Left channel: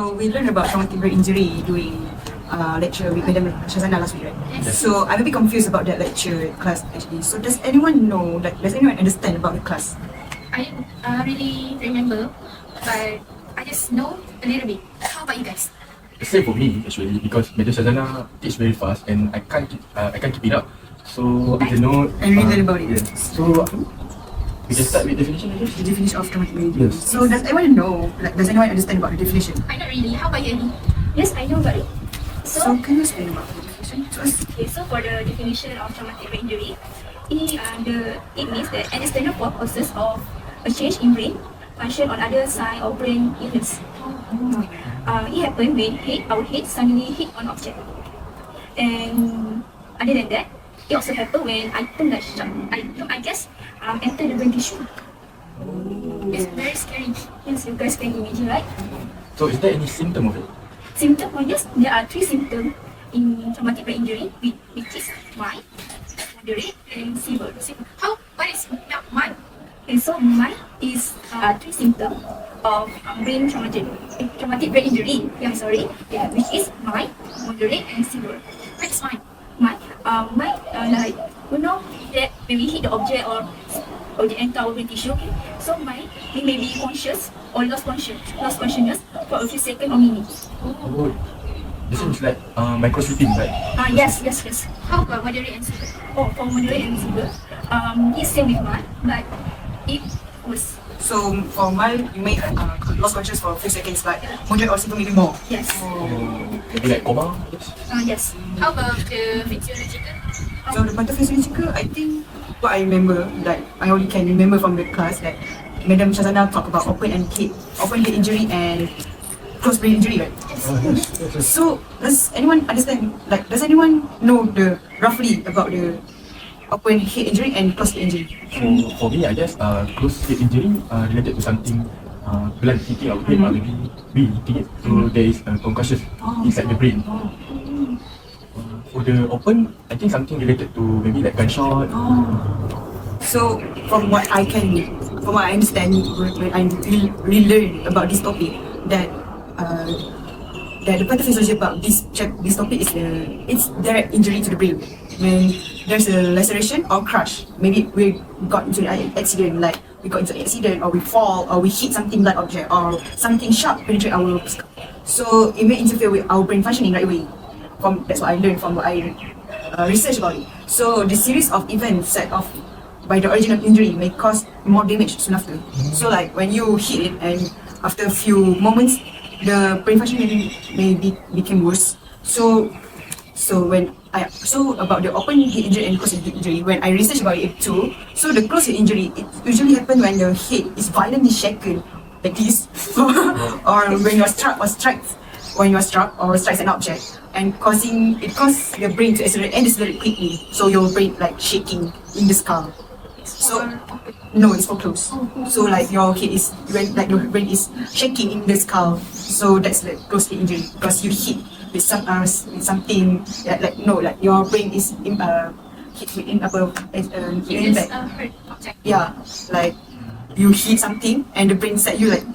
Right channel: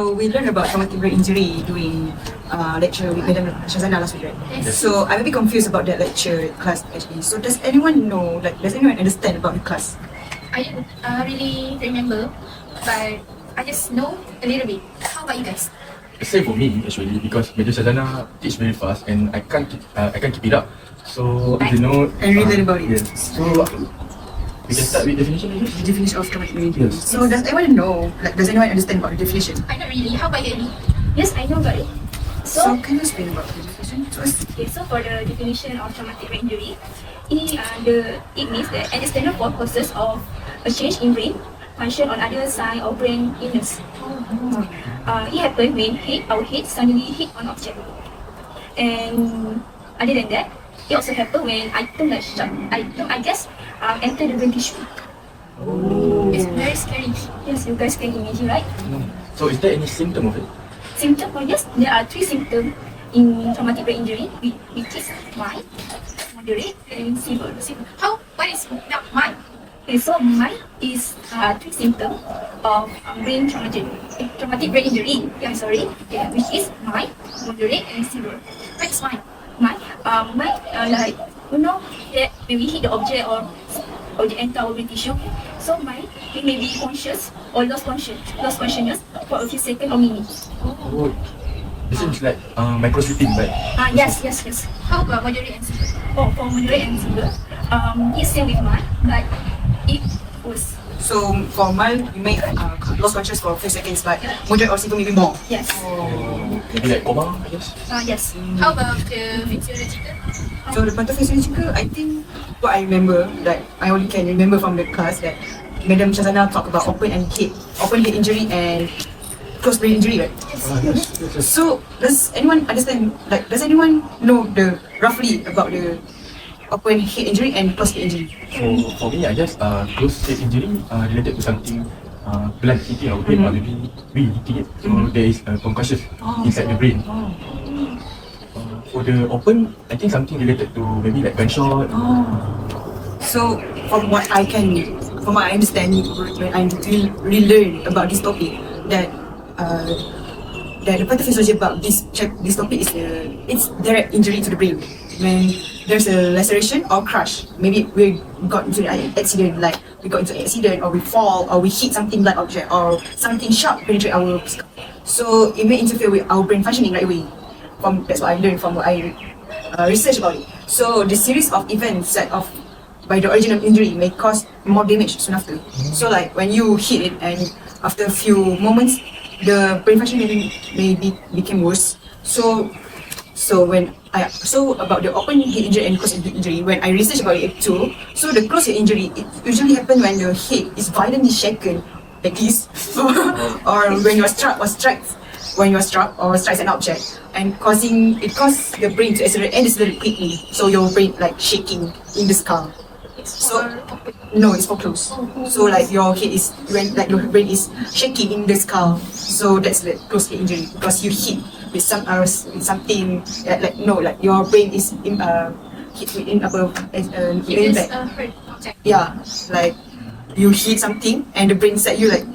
So we learned about traumatic brain injury during lecture with Madam Shazana last week, right? Yes. So I'm a bit confused about that lecture class actually. So does anyone know, like, does anyone understand about the class? I didn't really remember, but I just know a little bit. How about you guys? Same for me actually, because Major Shazana teach very fast and I can't keep it up. So I don't know. I really learn about it. Yeah. So we can start with definition, I guess. The definition of traumatic brain injury. Yes. So does anyone know, like, does anyone understand about the definition? I not really. How about you, Eddie? Yes, I know about it. So can you explain about the definition first? Okay, so for the definition of traumatic brain injury, it means that an external causes of a change in brain function on other side of brain illness. It happens when our head suddenly hit on object. And other than that, it also happens when item enter the brain tissue. It's very scary. Yes, you guys can imagine, right? So is there any symptom of it? Symptom, yes, there are 3 symptoms in traumatic brain injury, which is mild, moderate, and severe. What is mild? Okay, so mild is 3 symptoms of traumatic brain injury. Which is mild, moderate, and severe. What is mild? Mild, like you know that when we hit the object or object enter our brain tissue. So mild, we may be conscious or lost consciousness for a few seconds or minutes. Oh, it seems like micro-sleeping, right? Yes. How about moderate and severe? Oh, for moderate and severe, it's same with mine, but it was. So for mild, you may lose consciousness for a few seconds, but moderate or severe maybe more. Yes. Maybe like coma, I guess. Yes. How about the physiological? So the pathophysiological, I think what I remember, like I only can remember from the class that Madam Shazana talked about open head injury and closed brain injury, right? Yes. So does anyone understand? Like, does anyone know roughly about the open head injury and closed head injury? So for me, I guess closed head injury related to something blood hitting our brain or maybe we hitting it. So there is a concussion inside the brain. For the open, I think something related to maybe like gunshot. So from what I understand, when I really learn about this topic, that the pathophysiology about this topic is it's direct injury to the brain. When there's a laceration or crush, maybe we got into an accident, like we got into an accident or we fall or we hit something like object or something sharp penetrate our skull. So it may interfere with our brain functioning right away. That's what I learned from what I researched about it. So the series of events set off by the origin of injury may cause more damage soon after. So like when you hit it and after a few moments, the brain function may become worse. So about the open head injury and closed head injury, when I researched about it too, so the closed head injury it usually happens when the head is violently shaken like this, or when you're struck or strikes an object, and it causes the brain to accelerate quickly. So your brain like shaking in the skull. So no, it's for close. So like your head is your brain is shaking in the skull. So that's the closed head injury because you hit with something like your brain is hit within above yeah, like you hit something and the brain set you like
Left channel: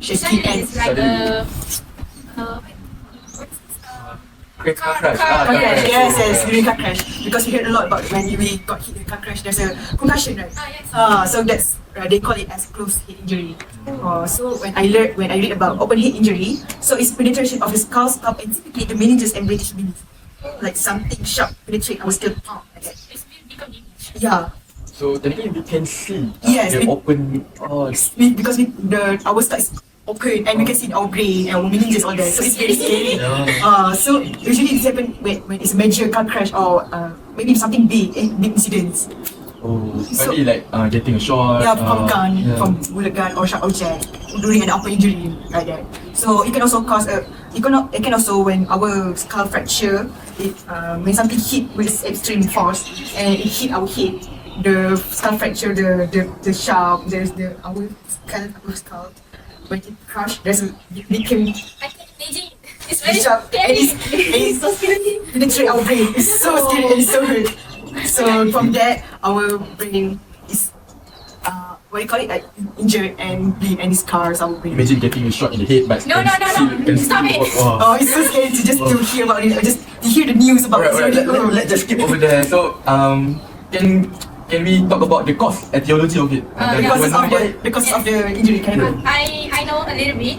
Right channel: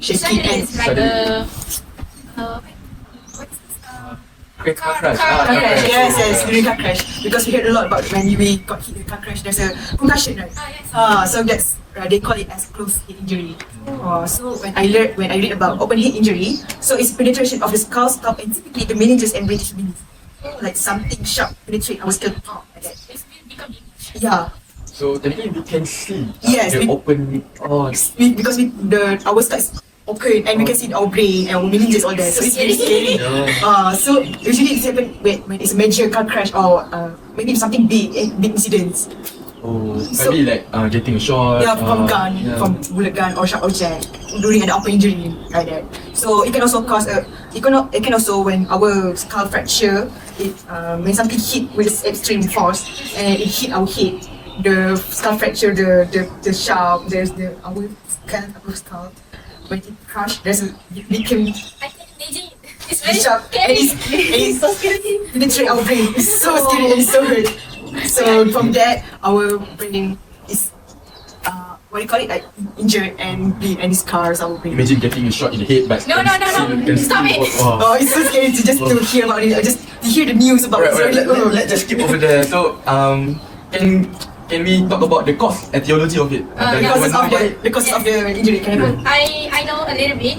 it's shaking and it's like Car crash. Yes, during car crash. Because we heard a lot about when we got hit in car crash, there's a concussion, right? Yes. So that's they call it as closed head injury. So when I read about open head injury, so it's penetration of the skull, and typically the meninges and brain tissue beneath. Like something sharp penetrate our skull. Like that. It's become Yeah. So technically we can see Yes, the open. because our skull is open and we can see our brain and our meninges all that. So it's very scary. So usually it happens when it's a major car crash or maybe something big incidents. Maybe like getting a shot. Yeah, from bullet gun or sharp object during an open injury like that. So it can also cause it can also when our skull fracture, when something hit with extreme force and it hit our head, the skull fracture, the sharp, our skull. When it crushed, it can I think maybe it's very sharp and it's so scary. penetrate our brain. It's so scary and it's so hurt. So from that, our brain is what do you call it, like injured and bleed and scars or Imagine getting a shot in the head, but No. Stop it. Wow. Oh, it's so scary to just to hear about it, or just to hear the news about it. Let's just skip over there. So, can we talk about the cause, etiology of it? Because of the injury. Can you? I know a little bit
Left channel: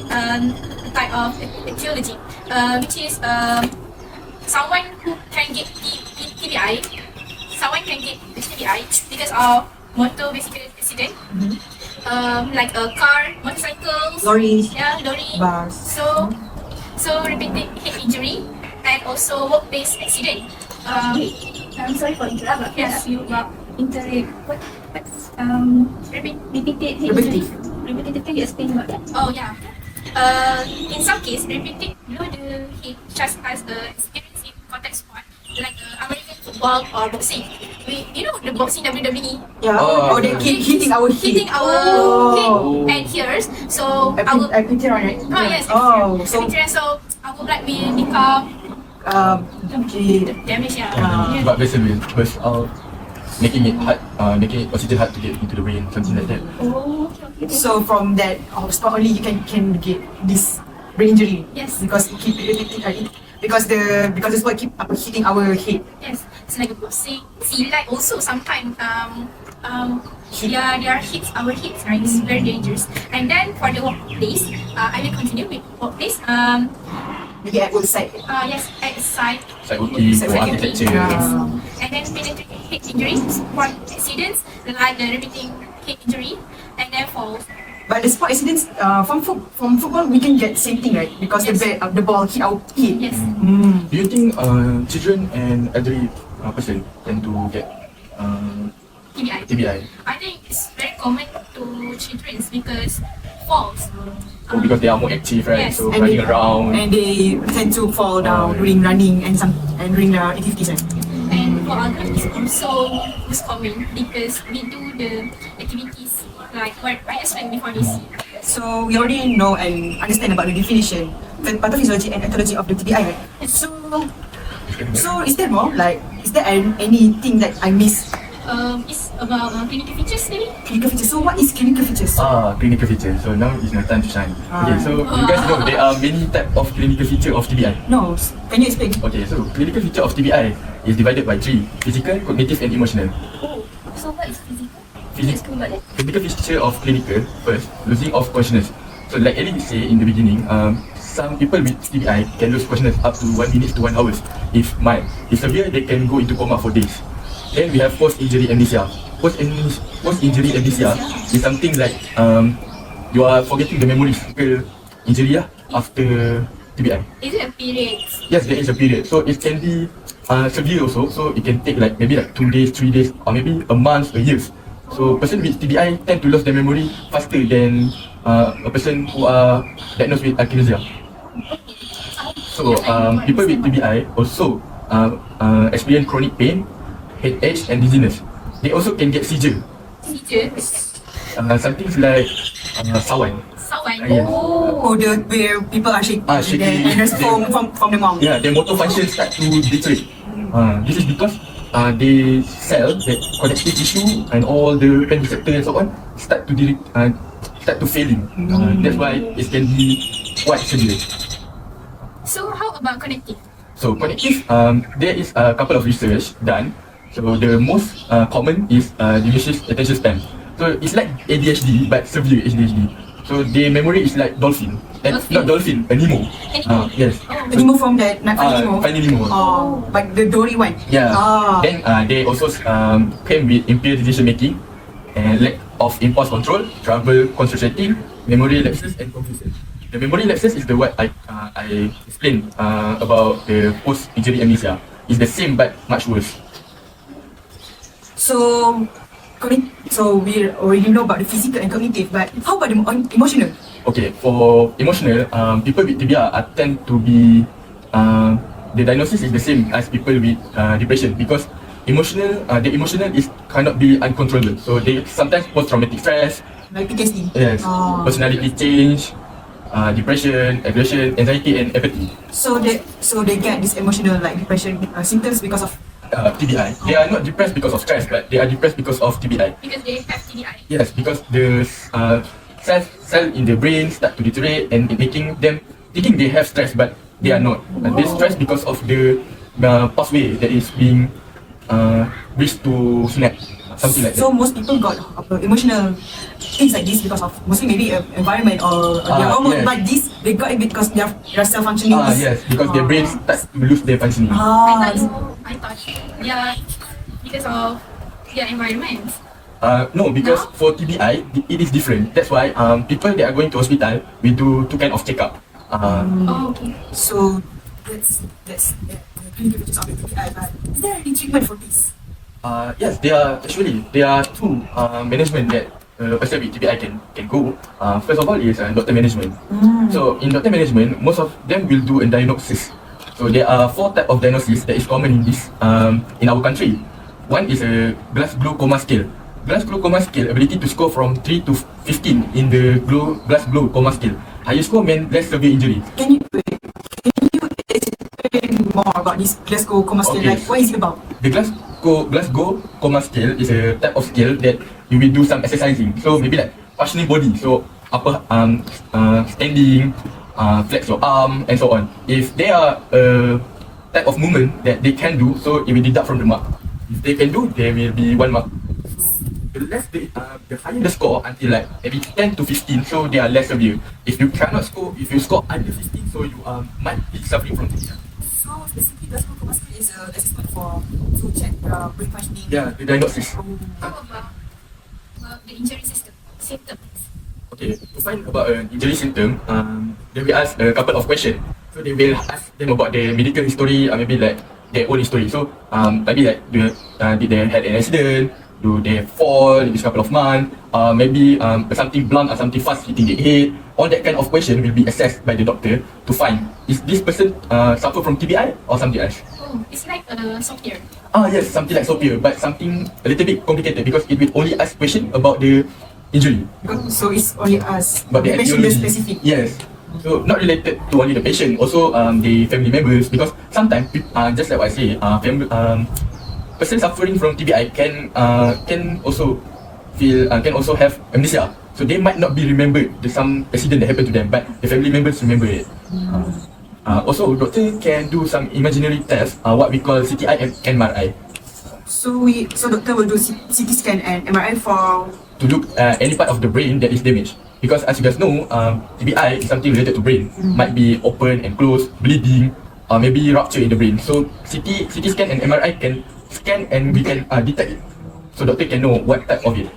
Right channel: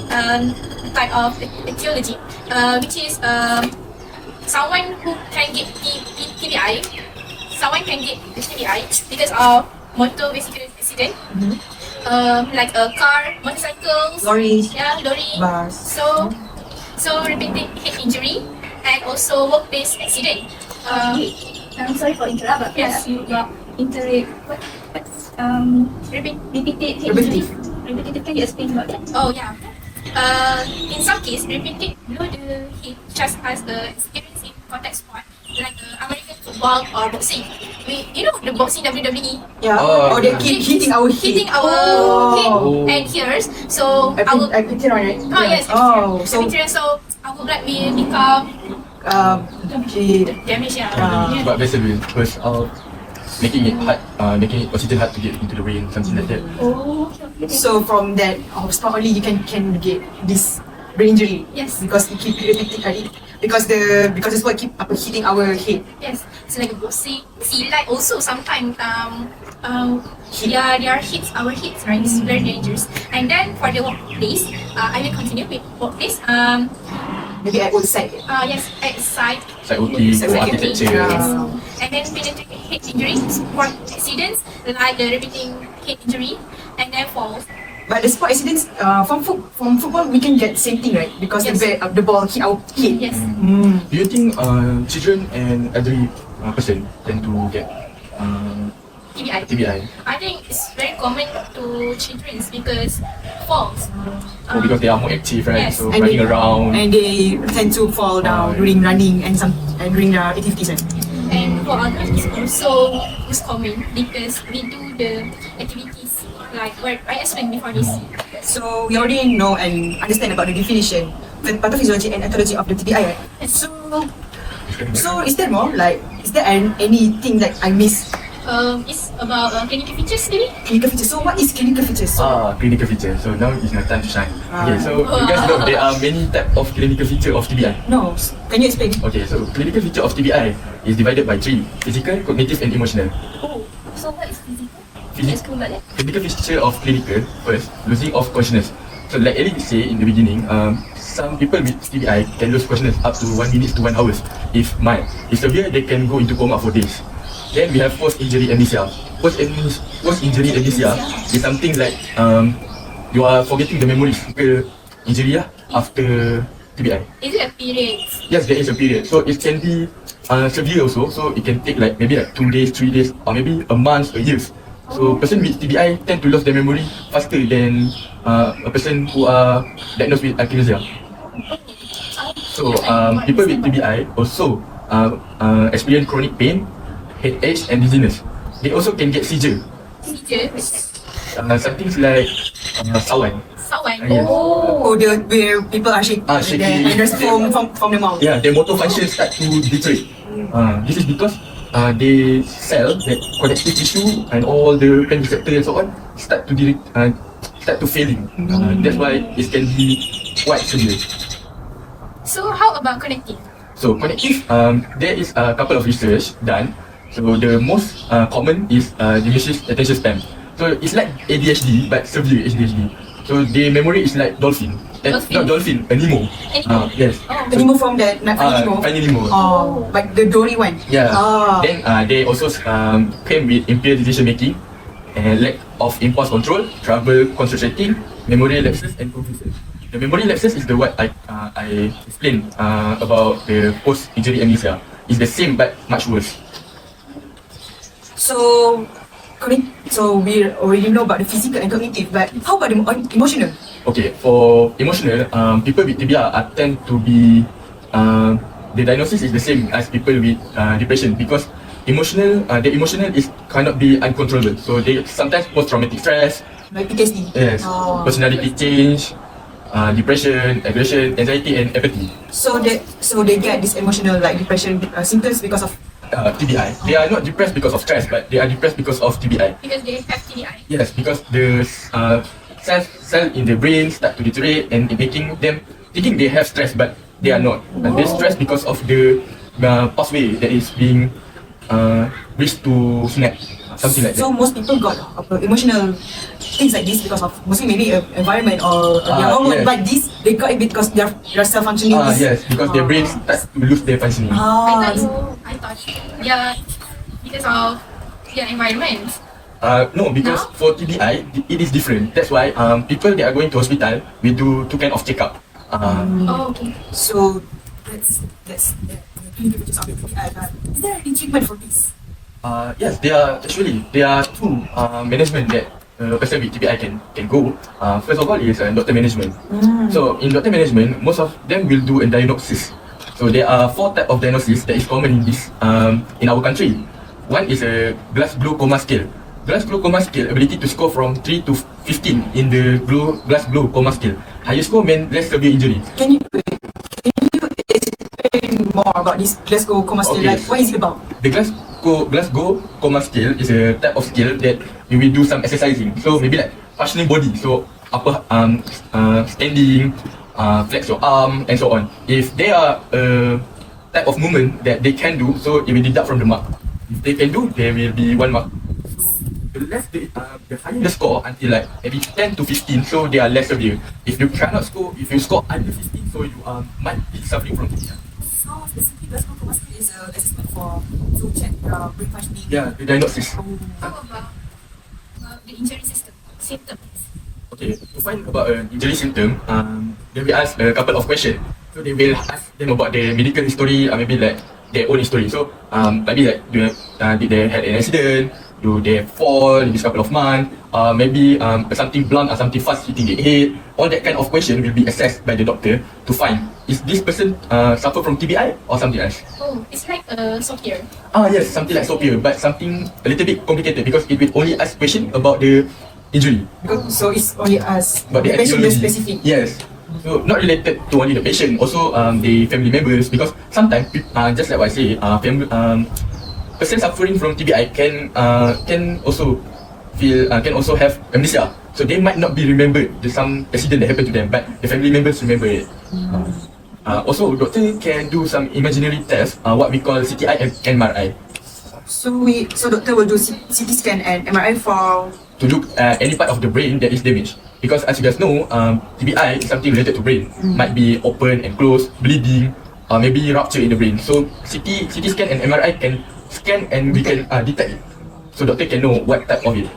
type of etiology, which is someone who can get TBI, someone can get TBI because of motor vehicle accident, like a car, motorcycles, Lorry, lorry. bus. So repeated head injury and also workplace accident. I'm sorry for interrupt, but yes, you repeated head injury. Repeated, can you explain about that? Oh yeah. In some case, repeated below the hip, just as the experience in contact sport, like American football or boxing. You know the boxing WWE. Yeah. Oh, They keep hitting our Hitting head. our head and ears. So our Right? oh yes. So So our blood will become damaged. Yeah. But basically, push out, making it hard, making oxygen hard to get into the brain, something like that. So from that, sport only you can get this brain injury. Yes. Because it keep because the sport keep hitting our head. Yes. It's like a boxing. Silat also sometimes their hits our heads, right? It's very dangerous. And then for the workplace, I will continue with workplace. Maybe at outside. Yes, outside. It's like working for architecture. Yes. And then related to head injuries, sport accidents like the repeating head injury, and then falls. But the sport accidents, from football we can get same thing, right? Because Yes. the ball hit our head. Yes. Do you think children and elderly person tend to get TBI. TBI? I think it's very common to children because falls. Because they are more active, right? Yes. So And running around. and they tend to fall down during running and during the activities. Right? And for adults, it's also most common because we do the activities like what I explained before this. So we already know and understand about the definition, pathophysiology and etiology of the TBI, right? So is there more? Like, is there anything that I missed? It's about clinical features maybe. Clinical features. So what is clinical features? Clinical feature. So now is my time to shine. Okay, so you guys know there are many types of clinical feature of TBI. No, can you explain? Okay, so clinical feature of TBI is divided by three: physical, cognitive, and emotional. Oh, so what is physical? Can you explain about that? Physical feature of clinical, first, losing of consciousness. So like Eric said in the beginning, some people with TBI can lose consciousness up to 1 minute to 1 hour. If mild, if severe, they can go into coma for days. Then we have post-injury amnesia. Post-injury amnesia is something like you are forgetting the memories ke injury after TBI. Is it a period? Yes, there is a period. So it can be severe also. So it can take like maybe like 2 days, 3 days, or maybe a month, a year. So person with TBI tend to lose their memory faster than a person who are diagnosed with amnesia. So people with TBI also experience chronic pain, headache, and dizziness. They also can get seizure. Seizure? Something like sawan. Sawan? Yes. Oh, where people are shaking, Shaking. and there's foam from the mouth. Yeah, their motor function start to deteriorate. This is because they cell, the connective tissue and all the pain receptors and so on start to failing. That's why it can be quite severe. So how about connective? So connective, there is a couple of research done. So the most common is diminished attention span. So it's like ADHD but severe ADHD. So the memory is like dolphin. Not dolphin, a Nemo. Yes. Oh. The Nemo from that, not Nemo. Finding Nemo. Oh, but the Dory one. Yeah. Then they also came with impaired decision making and lack of impulse control, trouble concentrating, memory lapses and confusion. The memory lapses is the what I explained about the post-injury amnesia. It's the same but much worse. So we already know about the physical and cognitive, but how about the emotional? Okay, for emotional, people with TBI tend to be the diagnosis is the same as people with depression because their emotional is cannot be uncontrollable. So they sometimes post-traumatic stress, Like PTSD. yes, personality change, depression, aggression, anxiety, and apathy. So they get this emotional like depression symptoms because of TBI. They are not depressed because of stress, but they are depressed because of TBI. Because they have TBI. Yes, because the cell in the brain start to deteriorate and it making them thinking they have stress, but they are not. And they're stressed because of the pathway that is being reached to snap, something like that. So most people got emotional things like this because of mostly maybe environment or environment, yes. but this they got it because their self functioning. Yes, because their brain starts to lose their functioning. I thought, yeah, because of their environment. No, because for TBI, it is different. That's why people that are going to hospital, we do two kind of checkup. Okay. So that's the activities of the TBI. But is there any treatment for this? Yes, there are two management that a person with TBI can go. First of all is doctor management. So in doctor management, most of them will do a diagnosis. So there are 4 types of diagnosis that is common in this in our country. One is a Glasgow coma scale. Glasgow coma scale ability to score from 3 to 15 in the Glasgow coma scale. Higher score means less severe injury. Can you explain more about this Glasgow coma scale? Okay. Like, what is it about? The Glasgow coma scale is a type of scale that we will do some exercising. So maybe like functioning body. So upper standing, flex your arm and so on. If there are type of movement that they can do, so it will deduct from the mark. If they can do, there will be 1 mark. The less the higher the score until like maybe 10 to 15, so they are less severe. If you if you score under 15, so you might be suffering from it. So specifically, Glasgow coma scale is an assessment to check brain functioning. Yeah, the diagnosis. How about the injury symptoms? Okay, to find about an injury symptom, they will ask a couple of questions. So they will ask them about their medical history, maybe like their own history. So maybe like did they had an accident? Do they fall in this couple of months? Maybe something blunt or something fast hitting the head. All that kind of question will be assessed by the doctor to find is this person suffer from TBI or something else. Oh, it's like software. Yes, something like Sophia, but something a little bit complicated because it will only ask question about the injury. So it's only us. But The patient is actually- specific. Yes. So not related to only the patient, also the family members, because sometimes just like what I say, person suffering from TBI can also have amnesia. So they might not be remembered some accident that happened to them, but the family members remember it. Also, doctor can do some imaginary tests, what we call CTI and MRI, So doctor will do CT scan and MRI for. to look at any part of the brain that is damaged. Because as you guys know, TBI is something related to brain. Might be open and closed, bleeding, or maybe rupture in the brain. So CT scan and MRI can scan and we can detect it. So doctor can know what type of it.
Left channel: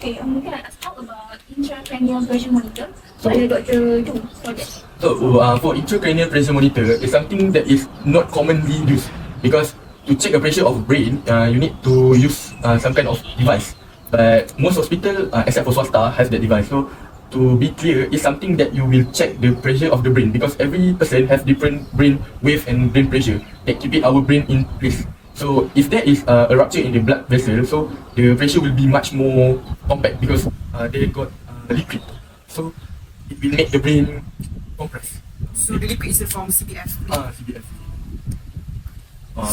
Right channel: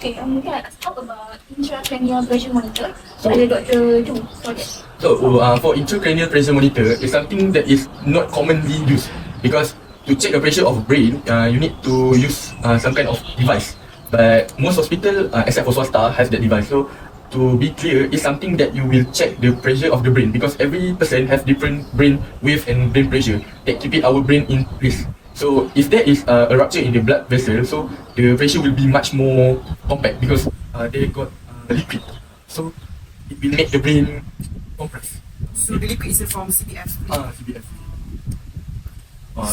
Okay, let's talk about intracranial pressure monitor. What the doctor do for this? So for intracranial pressure monitor is something that is not commonly used because to check the pressure of brain, you need to use some kind of device. But most hospital, except for swasta, has that device. So to be clear, it's something that you will check the pressure of the brain because every person have different brain wave and brain pressure that keep it our brain in place. So if there is a rupture in the blood vessel, so the pressure will be much more compact because they got liquid. So it will make the brain compress. So the liquid is from CPF. CBF.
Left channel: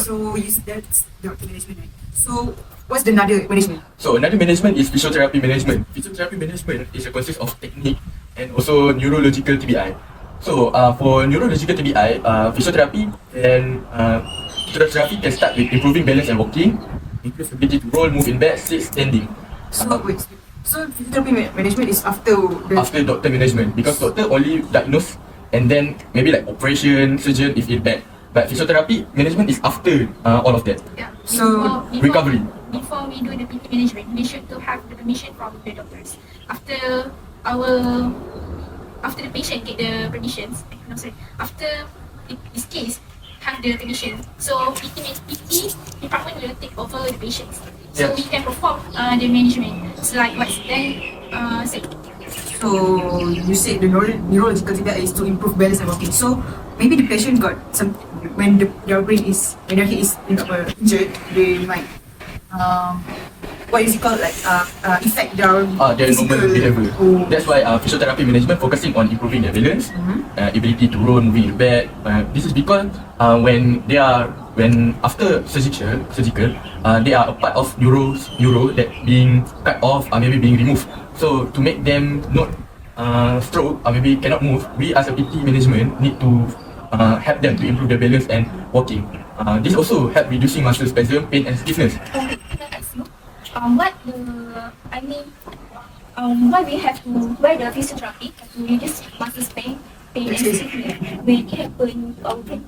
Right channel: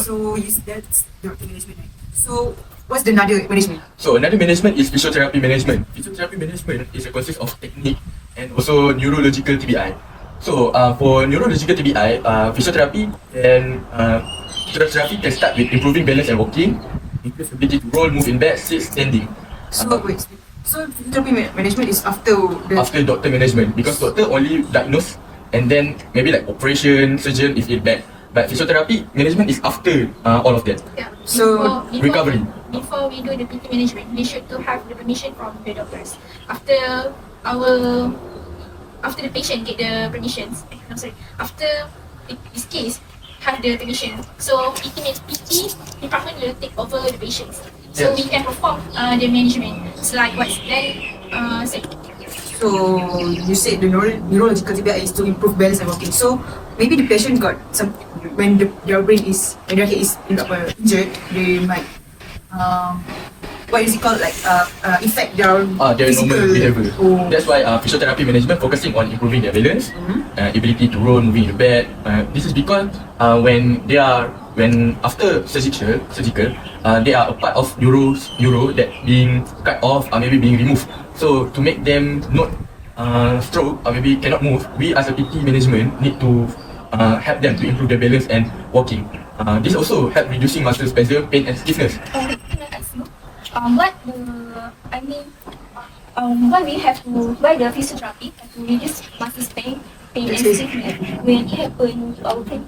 So that's the management. So what's the another management? So another management is physiotherapy management. Physiotherapy management is a consist of technique and also neurological TBI. So for neurological TBI, physiotherapy can start with improving balance and walking, improve ability to roll, move in bed, sit, standing. So wait. So therapy management is after After doctor management, because doctor only diagnose and then maybe like operation, surgeon if it bad. But physiotherapy management is after all of that. Yeah. So, recovery. Before we do the PT management, we should to have the permission from the doctors. After the patient get the permissions, after this case have the permission, so PT department will take over the patients. So we can perform the management. So like what's then said. So you said the neurological TBI is to improve balance and walking. So maybe the patient got some when their brain is when their head is injured, they might what is it called, like effect their their normal behavior. That's why physiotherapy management focusing on improving their balance, ability to roll, moving in bed. This is because when after surgical, they are a part of neuro that being cut off or maybe being removed. So to make them not stroke or maybe cannot move, we as a PT management need to help them to improve their balance and walking. This also help reducing muscle spasm, pain and stiffness. Why we have to buy the physiotherapy to reduce muscle pain and stiffness when it happen to our brain?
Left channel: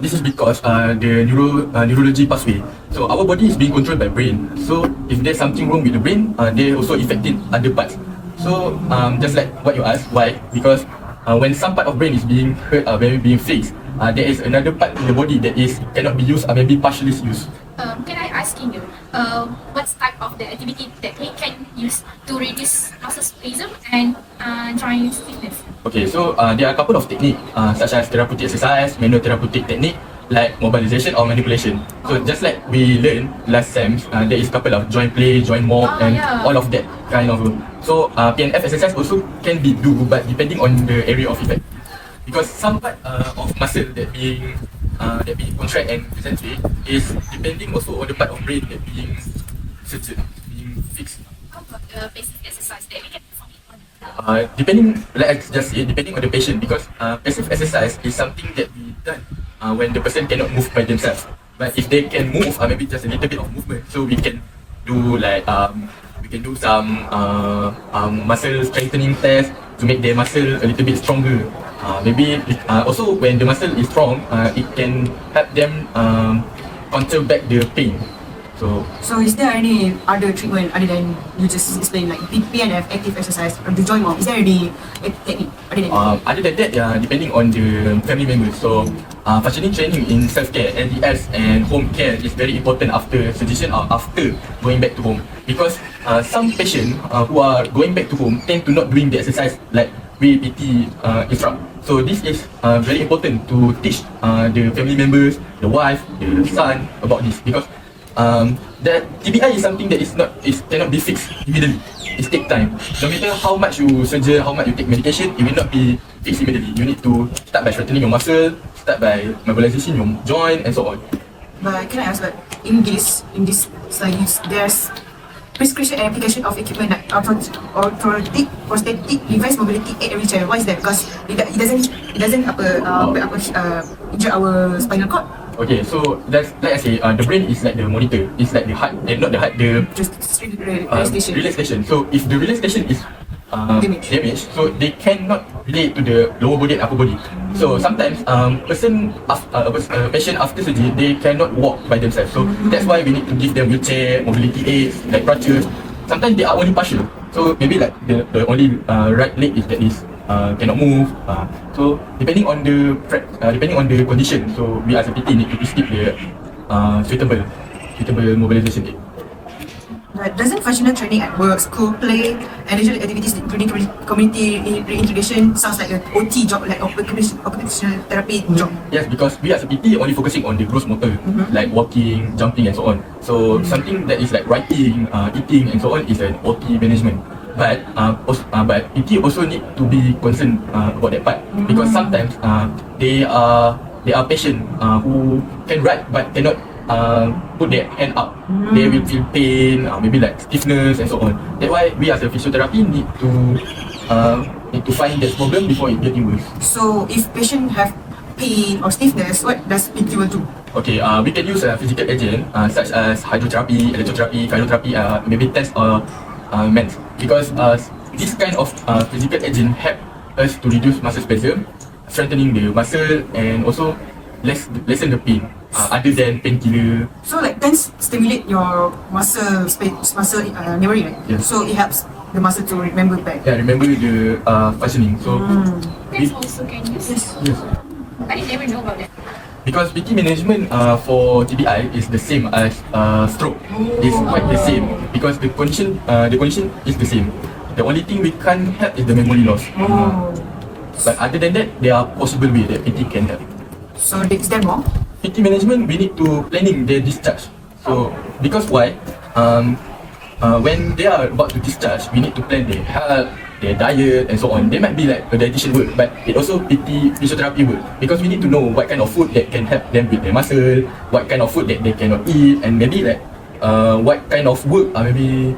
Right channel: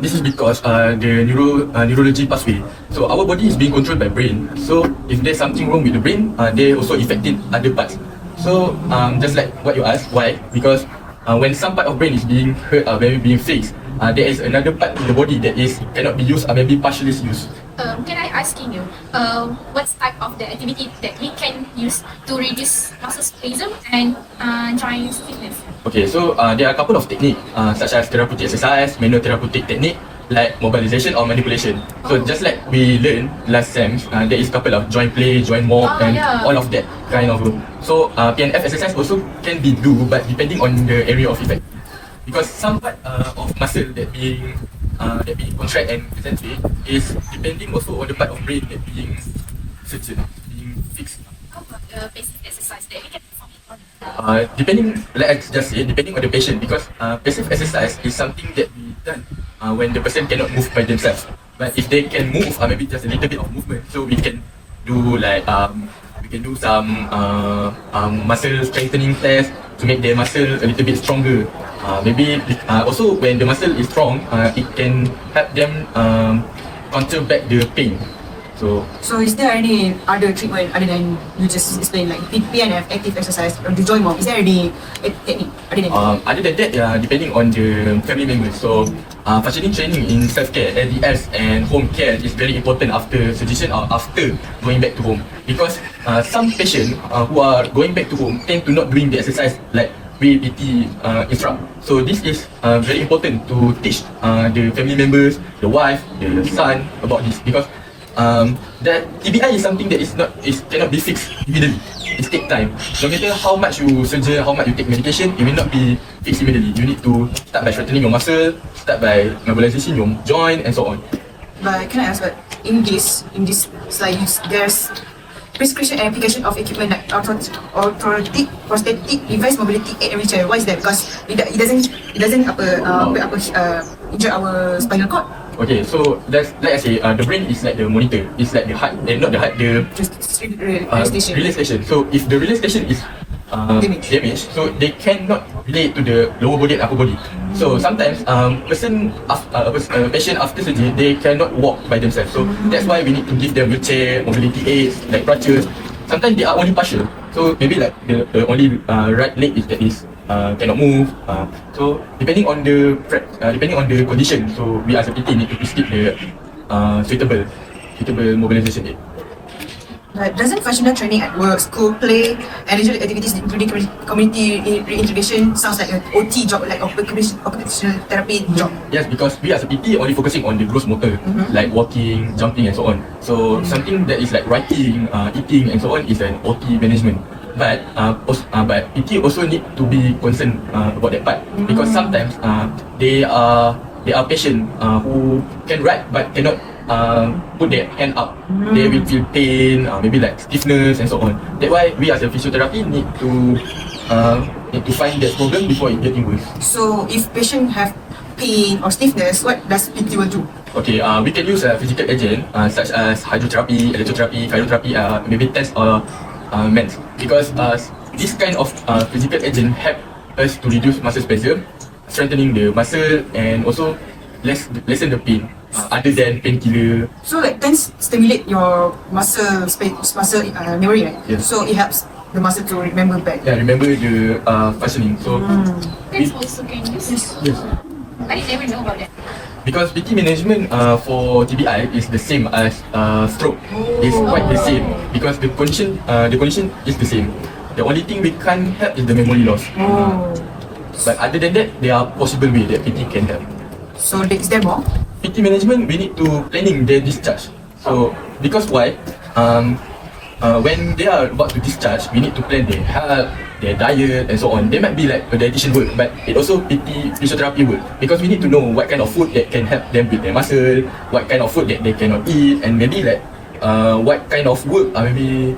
This is because the neurology pathway. So our body is being controlled by brain. So if there's something wrong with the brain, they also affected other parts. So just like what you asked, why? Because when some part of brain is being hurt or maybe being fixed, there is another part in the body that is cannot be used or maybe partially used. Can I ask you, what type of the activity that we can use to reduce muscle spasm and joint stiffness? Okay, so there are a couple of techniques such as therapeutic exercise, manual therapeutic technique like mobilization or manipulation. So just like we learned last sem, there is a couple of joint play, joint move, and all of that kind of. So PNF exercise also can be do, but depending on the area of effect. Because some part of muscle that being contract and concentrate is depending also on the part of brain that being surgery, being fixed. How about the basic exercise that we can perform? Depending, like I just said, depending on the patient, because passive exercise is something that we done when the person cannot move by themselves. But if they can move, maybe just a little bit of movement, so we can do like we can do some muscle strengthening test to make their muscle a little bit stronger. Maybe also when the muscle is strong, it can help them counter back the pain. So is there any other treatment other than you just explained, like PNF, active exercise, or the joint walk? Is there any technique other than that? Depending on the family members. So functioning training in self-care, LDS and home care is very important after surgery or after going back to home. Because some patients who are going back to home tend to not doing the exercise like we PT instruct. So this is very important to teach the family members, the wife, the son about this, because that TBI is something that cannot be fixed immediately. It takes time. No matter how much you surgery, how much you take medication, it will not be fixed immediately. You need to start by strengthening your muscle, start by mobilizing your joint and so on. But can I ask, like, in this slide, there's prescription and application of equipment like orthotic, prosthetic, device, mobility aid, and wheelchair. Why is that? Because it doesn't injure our spinal cord. Okay, so that's like I say, the brain is like the monitor. It's like the heart, and not the heart, the relay station. So if the relay station is damaged, so they cannot relate to the lower body and upper body. So sometimes patient after surgery, they cannot walk by themselves. So that's why we need to give them wheelchair, mobility aids, like crutches. Sometimes they are only partial. So maybe like the only right leg is cannot move. So depending on the condition, so we as a PT need to prescribe the suitable mobilization aid. But doesn't functional training at work, school, play, and leisure activities including community reintegration sounds like an OT job, like occupational therapy job? Yes, because we as a PT only focusing on the gross motor, like walking, jumping and so on. So something that is like writing, eating and so on is an OT management. But PT also need to be concerned about that part, because sometimes they are patients who can write but cannot put their hand up. They will feel pain, maybe like stiffness and so on. That's why we as a physiotherapy need to find that problem before it gets worse. So if patient have pain or stiffness, what does PT will do? Okay, we can use a physical agent such as hydrotherapy, electrotherapy, cryotherapy, maybe test or meds, because this kind of physical agent help us to reduce muscle spasm, strengthening the muscle, and also lessen the pain other than painkiller. So like can stimulate your muscle memory, right? Yeah. So it helps the muscle to remember back. Yeah, remember the functioning. So That's also can use. yes. I never know about that. Because PT management for TBI is the same as stroke. It's quite the same because the condition is the same. The only thing we can't help is the memory loss. But other than that, there are possible ways that PT can help. So is there more? PT management, we need to planning the discharge. So because why? when they are about to discharge, we need to plan their health, their diet, and so on. They might be like a dietitian work, but it also PT physiotherapy work, because we need to know what kind of food that can help them build their muscle, what kind of food that they cannot eat, and maybe like what kind of work maybe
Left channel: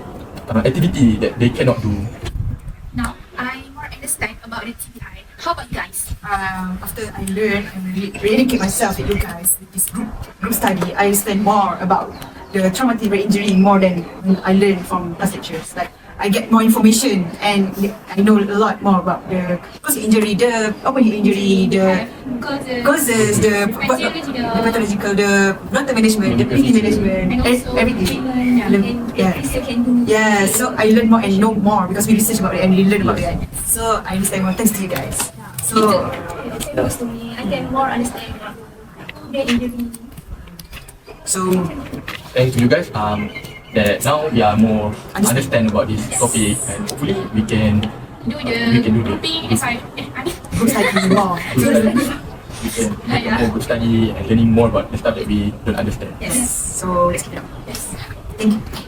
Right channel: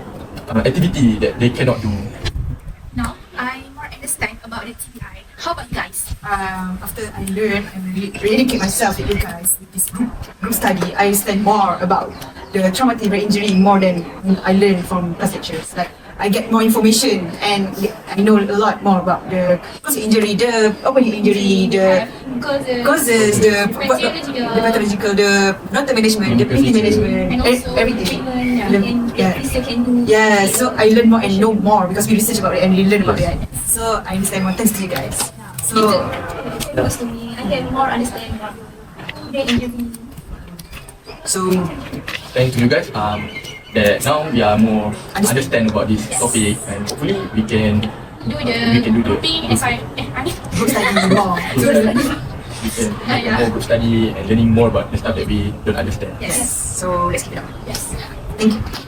activity that they cannot do. Now, I more understand about the TBI. How about you guys? After I learned and really keep myself with you guys with this group study, I understand more about the traumatic brain injury more than I learned from past lectures. Like I get more information and I know a lot more about the cause injury, the open injury, the causes, the pathological, the blood management, the bleeding management, And also everything. treatment and activities you can do. Yeah, so I learn more and know more because we research about it and we learn about it. So I understand more thanks to you guys. So Because to me, I can more understand about brain injury. so Thanks to you guys. That now we are more understand about this topic, and hopefully we can Do the do the- grouping, group study more. more group study and learning more about the stuff that we don't understand. Yes. So let's keep it up. Yes. Thank you.